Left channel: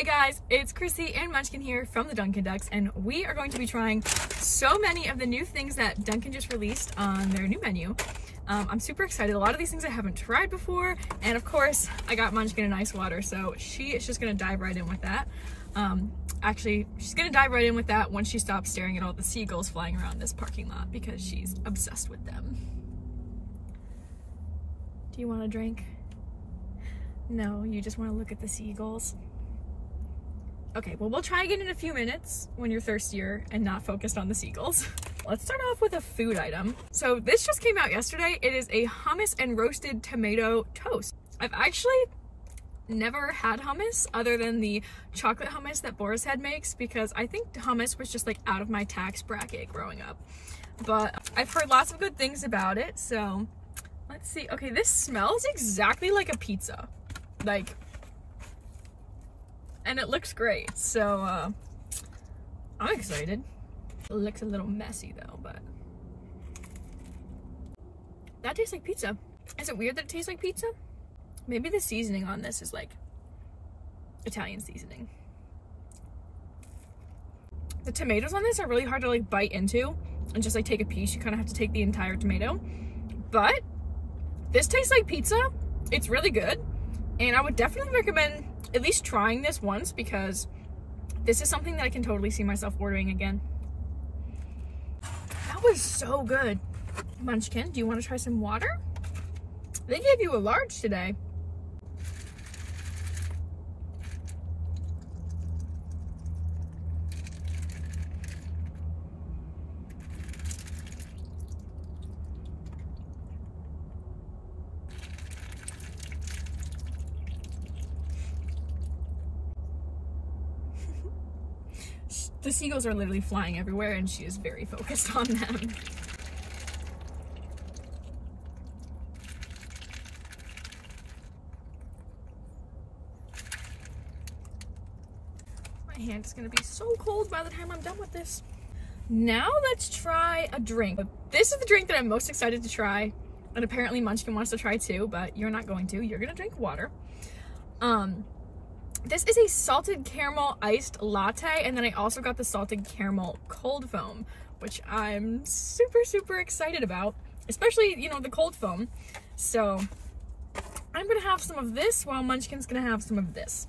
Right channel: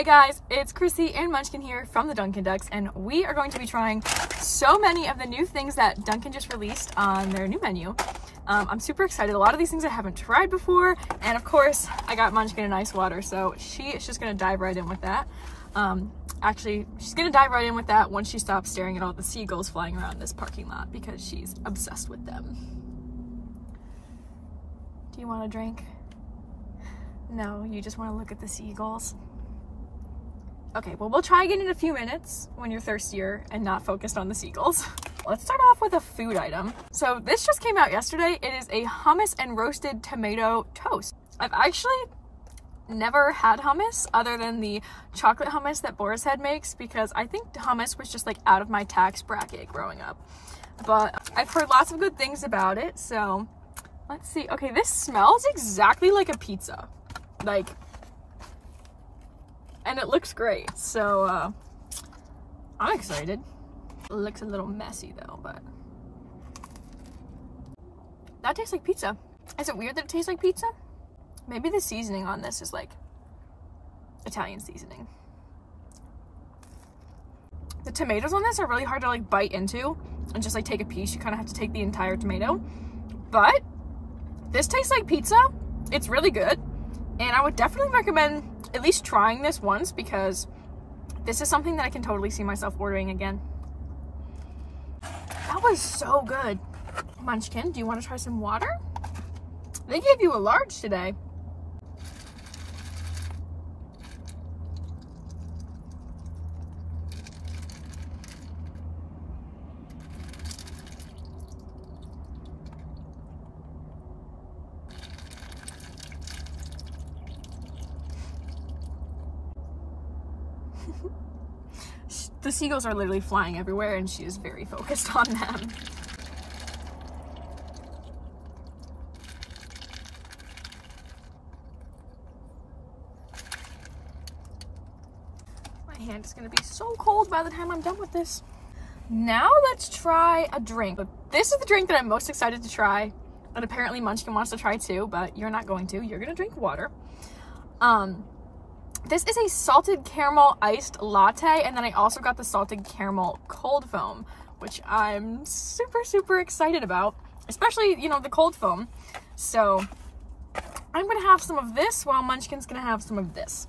Hey guys, it's Chrissy and Munchkin here from the Dunkin Ducks, and we are going to be trying so many of the new things that Dunkin just released on their new menu. I'm super excited. A lot of these things I haven't tried before, and of course I got Munchkin an ice water, so she is just gonna dive right in with that. Actually, she's gonna dive right in with that once she stops staring at all the seagulls flying around this parking lot because she's obsessed with them. Do you want a drink? No, you just want to look at the seagulls. Okay, well, we'll try again in a few minutes when you're thirstier and not focused on the seagulls. Let's start off with a food item. So this just came out yesterday. It is a hummus and roasted tomato toast. I've actually never had hummus other than the chocolate hummus that Boar's Head makes because I think hummus was just like out of my tax bracket growing up. But I've heard lots of good things about it, so let's see. Okay, this smells exactly like a pizza. Like, and it looks great, so I'm excited. It looks a little messy though, but that tastes like pizza. Is it weird that it tastes like pizza? Maybe the seasoning on this is like Italian seasoning. The tomatoes on this are really hard to like bite into and just like take a piece. You kind of have to take the entire tomato, but this tastes like pizza. It's really good. And I would definitely recommend at least trying this once because this is something that I can totally see myself ordering again. That was so good. Munchkin, do you want to try some water? They gave you a large today. The seagulls are literally flying everywhere and she is very focused on them. My hand is gonna be so cold by the time I'm done with this. Now let's try a drink. This is the drink that I'm most excited to try, and apparently Munchkin wants to try too, but you're not going to. You're gonna drink water. This is a salted caramel iced latte, and then I also got the salted caramel cold foam, which I'm super excited about, especially, you know, the cold foam. So I'm gonna have some of this while Munchkin's gonna have some of this.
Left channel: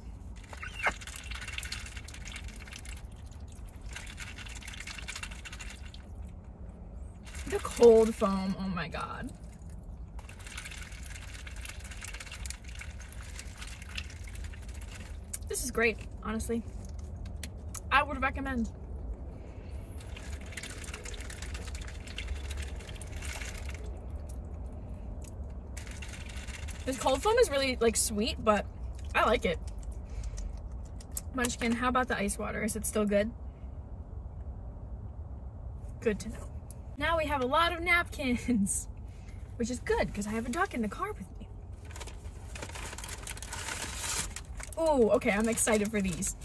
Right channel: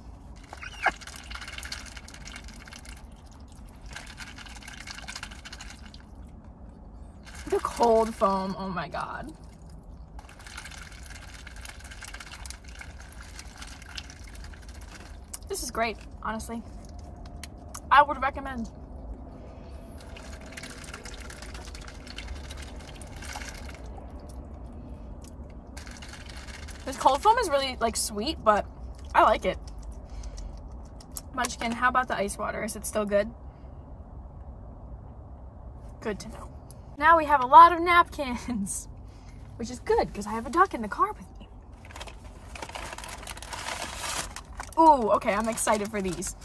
The cold foam, oh my god. This is great, honestly. I would recommend. This cold foam is really like sweet, but I like it. Munchkin, how about the ice water? Is it still good? Good to know. Now we have a lot of napkins, which is good because I have a duck in the car with me. Ooh, okay, I'm excited for these.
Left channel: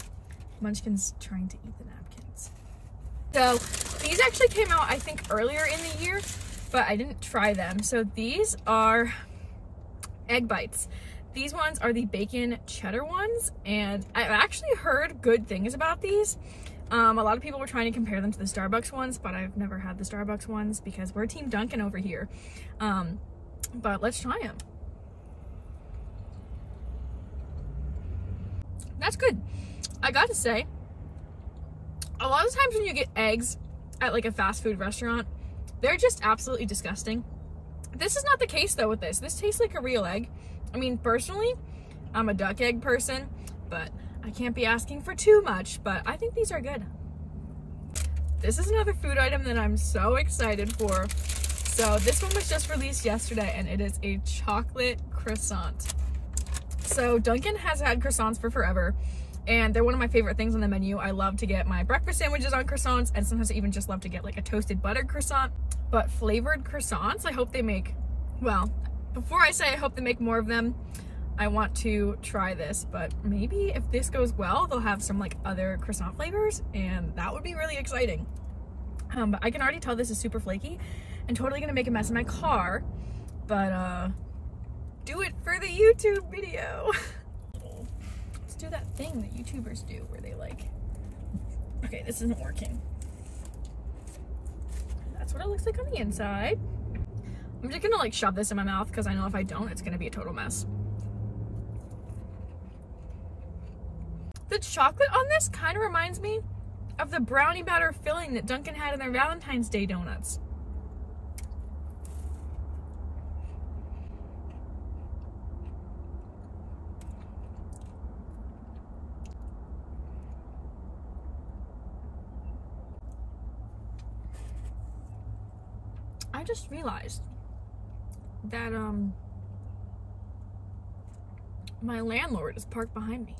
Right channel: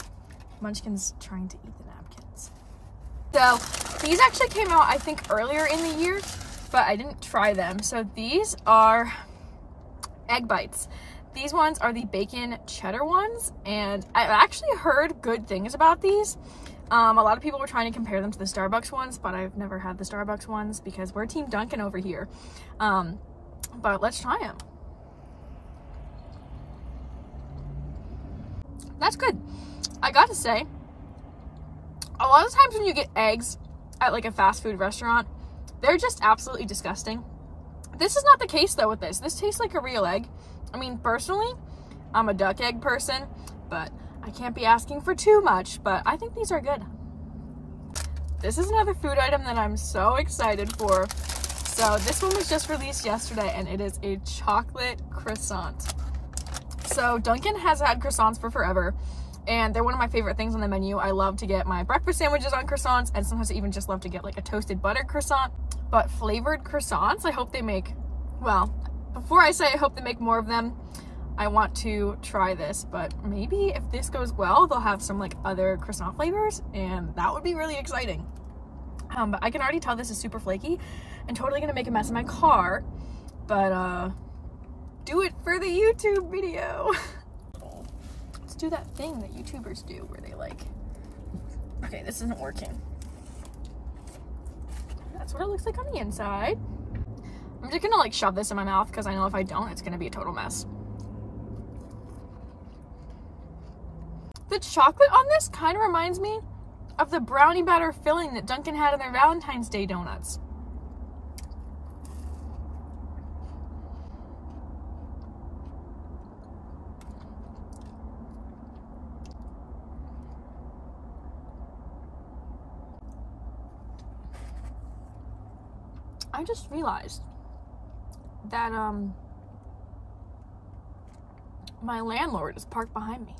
Munchkin's trying to eat the napkins. So these actually came out, I think, earlier in the year, but I didn't try them. So these are egg bites. These ones are the bacon cheddar ones, and I've actually heard good things about these. A lot of people were trying to compare them to the Starbucks ones, but I've never had the Starbucks ones because we're Team Dunkin over here. But let's try them. That's good. I gotta say, a lot of times when you get eggs at like a fast food restaurant, they're just absolutely disgusting. This is not the case though with this. This tastes like a real egg. I mean, personally, I'm a duck egg person, but I can't be asking for too much, but I think these are good. This is another food item that I'm so excited for. So this one was just released yesterday and it is a chocolate croissant. So Dunkin has had croissants for forever, and they're one of my favorite things on the menu. I love to get my breakfast sandwiches on croissants, and sometimes I even just love to get like a toasted buttered croissant. But flavored croissants, I hope they make, well, before I say I hope they make more of them, I want to try this, but maybe if this goes well, they'll have some like other croissant flavors, and that would be really exciting. But I can already tell this is super flaky and totally gonna make a mess in my car, but do it for the YouTube video. It's do that thing that YouTubers do where they like, okay, this isn't working. That's what it looks like on the inside. I'm just gonna like shove this in my mouth because I know if I don't, it's gonna be a total mess. The chocolate on this kind of reminds me of the brownie batter filling that Dunkin had in their Valentine's Day donuts. I just realized that my landlord is parked behind me.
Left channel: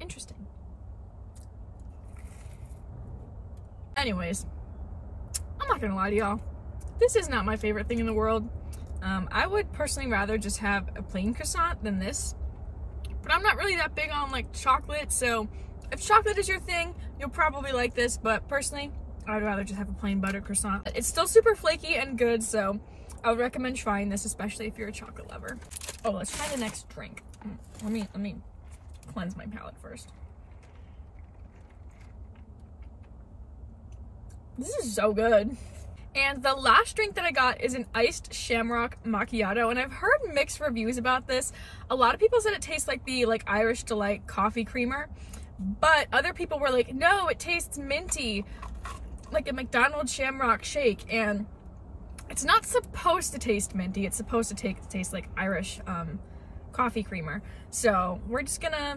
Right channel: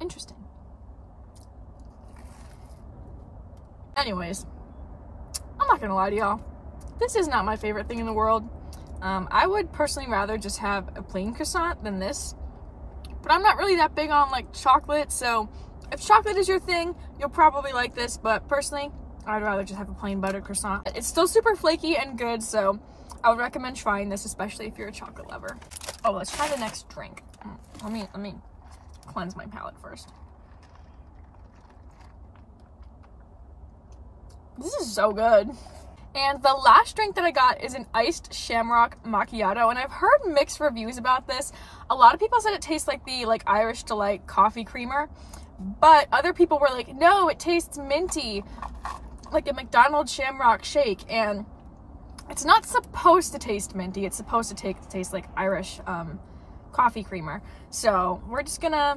Interesting. Anyways, I'm not gonna lie to y'all. This is not my favorite thing in the world. I would personally rather just have a plain croissant than this. But I'm not really that big on like chocolate, so if chocolate is your thing, you'll probably like this, but personally, I'd rather just have a plain buttered croissant. It's still super flaky and good, so I would recommend trying this, especially if you're a chocolate lover. Oh, let's try the next drink. Let me cleanse my palate first. This is so good. And the last drink that I got is an iced Shamrock Macchiato, and I've heard mixed reviews about this. A lot of people said it tastes like the Irish Delight coffee creamer, but other people were like, no, it tastes minty, like a McDonald's Shamrock shake. And it's not supposed to taste minty, it's supposed to taste like Irish coffee creamer. So we're gonna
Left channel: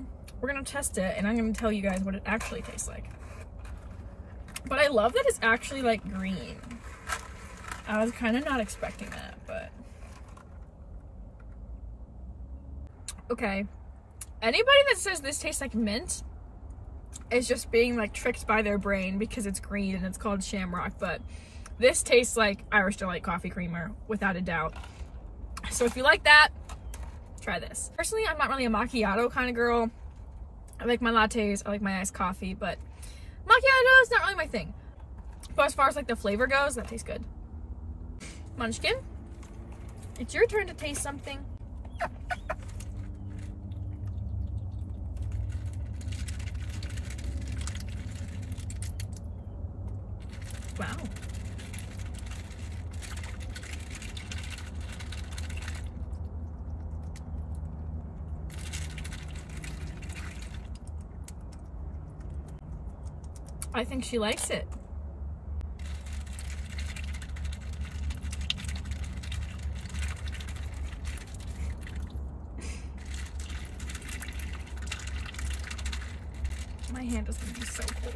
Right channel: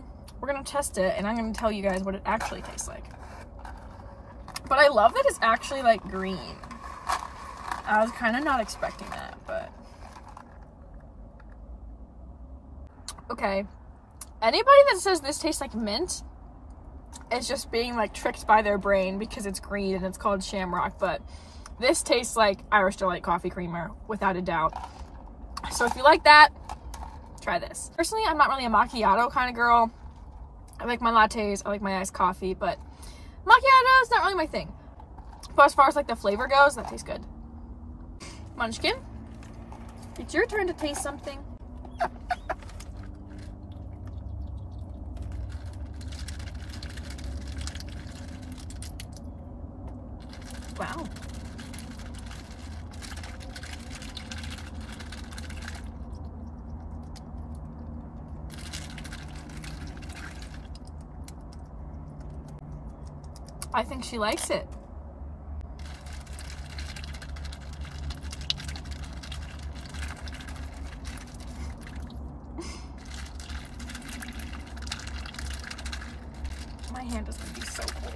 test it, and I'm gonna tell you guys what it actually tastes like. But I love that it's actually like green. I was kind of not expecting that, but okay. Anybody that says this tastes like mint is just being like tricked by their brain because it's green and it's called Shamrock, but this tastes like Irish Delight coffee creamer without a doubt. So if you like that, try this. Personally, I'm not really a macchiato kind of girl. I like my lattes, I like my iced coffee, but macchiato is not really my thing. But as far as like the flavor goes, that tastes good. Munchkin, it's your turn to taste something. Wow. I think she likes it. My hand is gonna be so cold.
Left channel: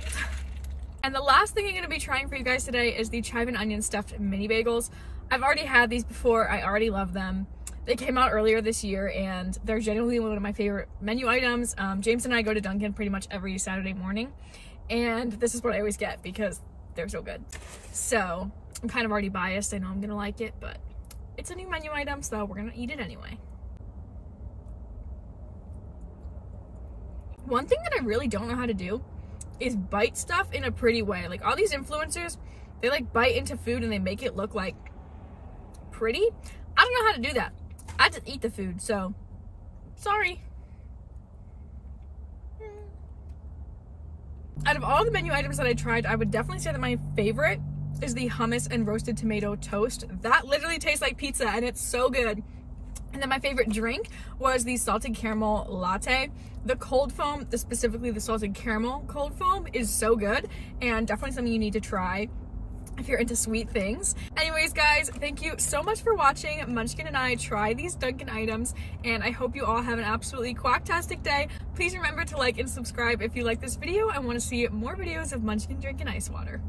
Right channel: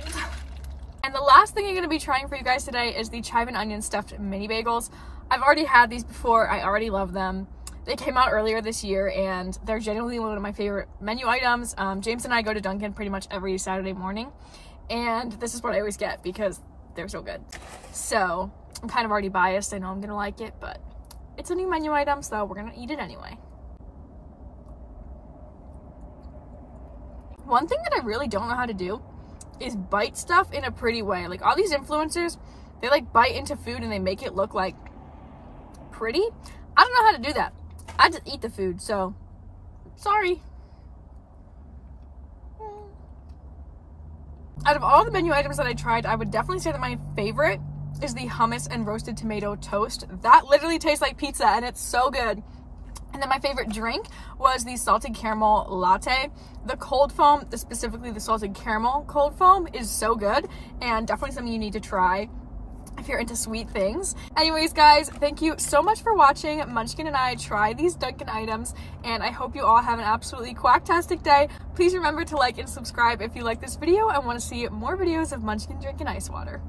And the last thing I'm gonna be trying for you guys today is the chive and onion stuffed mini bagels. I've already had these before, I already love them. They came out earlier this year and they're genuinely one of my favorite menu items. James and I go to Dunkin pretty much every Saturday morning, and this is what I always get because they're so good. So I'm kind of already biased. I know I'm gonna like it, but it's a new menu item, so we're gonna eat it anyway. One thing that I really don't know how to do is bite stuff in a pretty way. Like all these influencers, they like bite into food and they make it look like pretty. I don't know how to do that. I just eat the food, so sorry. Out of all the menu items that I tried, I would definitely say that my favorite is the hummus and roasted tomato toast. That literally tastes like pizza and it's so good. And then my favorite drink was the salted caramel latte. The cold foam, specifically the salted caramel cold foam, is so good and definitely something you need to try if you're into sweet things. Anyways, guys, thank you so much for watching Munchkin and I try these Dunkin' items, and I hope you all have an absolutely quacktastic day. Please remember to like and subscribe if you like this video and want to see more videos of Munchkin drinking ice water.